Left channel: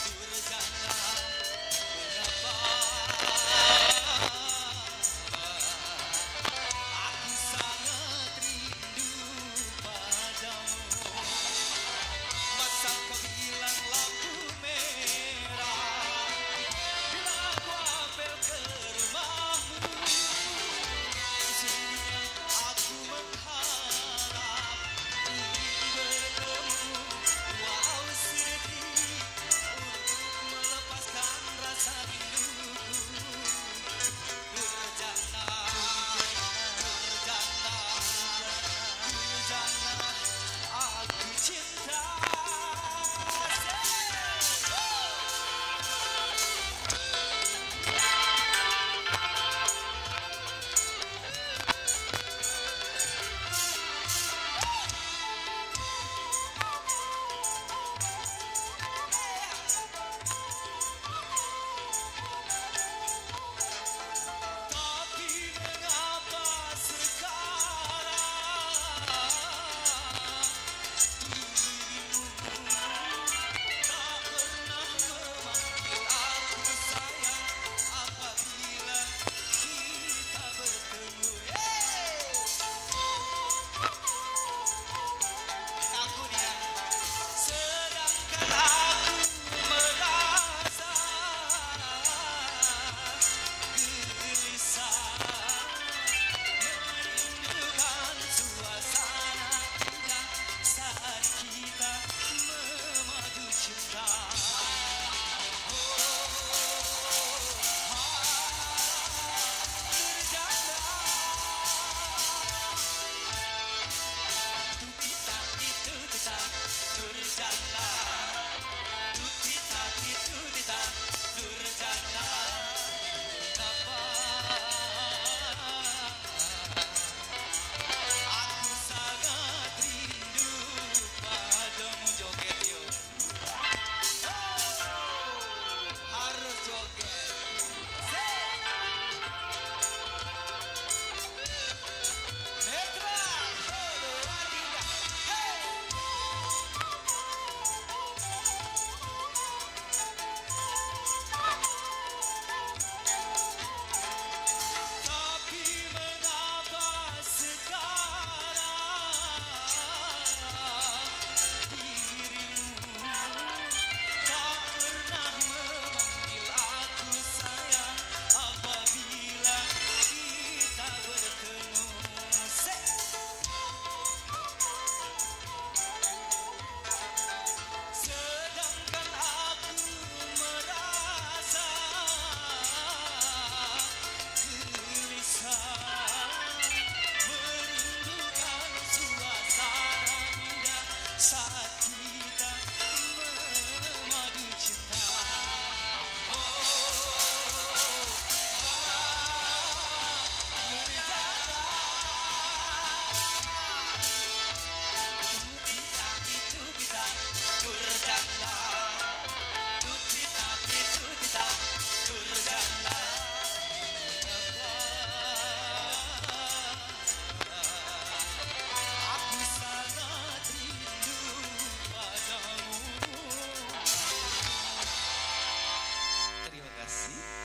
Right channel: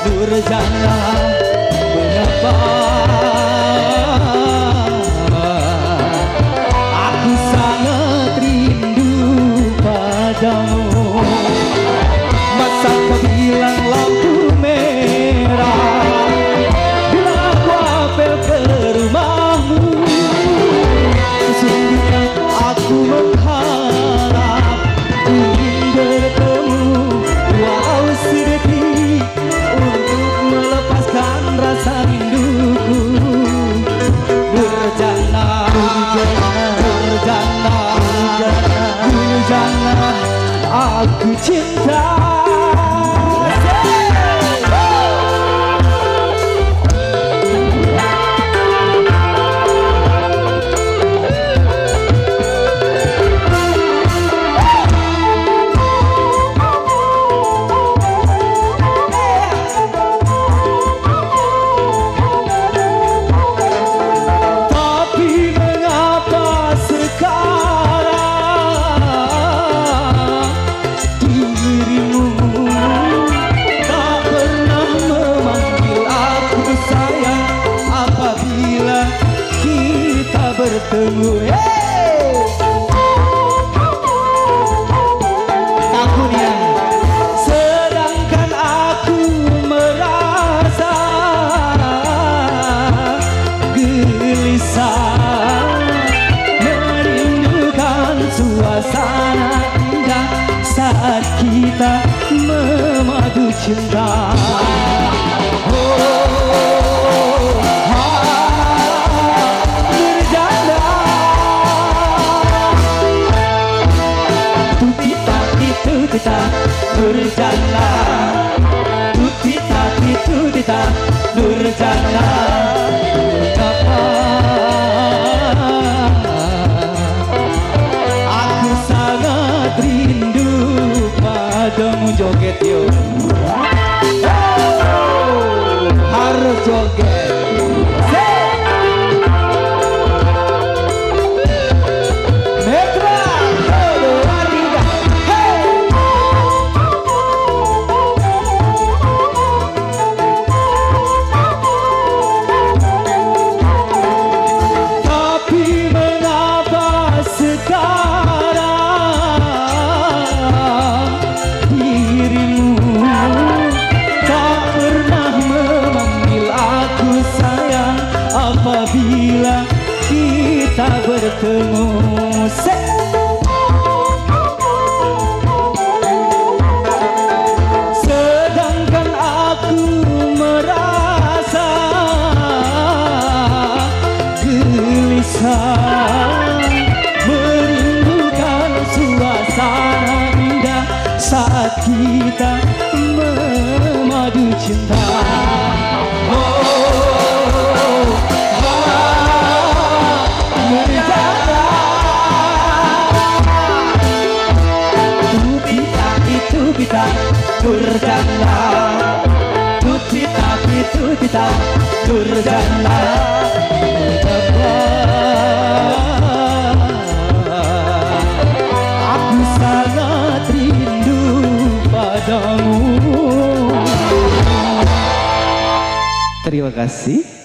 Nurjana, mengapa aku sangat rindu padamu. Masa kau bilang lampu merah bila aku apel ke rumahmu. Sesungguhnya aku mengharap ingin bertemu walau sedetik untuk melepaskan rasa rinduku. Nurjana, Nurjana, Nurjana, aku cinta. Bertemu, takutnya sedangkan aku merasa gelisah, merindukan suasana indah saat kita memadu cinta. Nurjana, tutita tutita, Nurjana, mengapa aku sangat rindu padamu. Joget yuk, harus joget. Apabila kita bertemu, sedangkan aku merasa gelisah, merindukan suasana indah saat kita memadu cinta. Nurjana, tutita tutita, Nurjana, mengapa aku sangat rindu padamu. Terima kasih.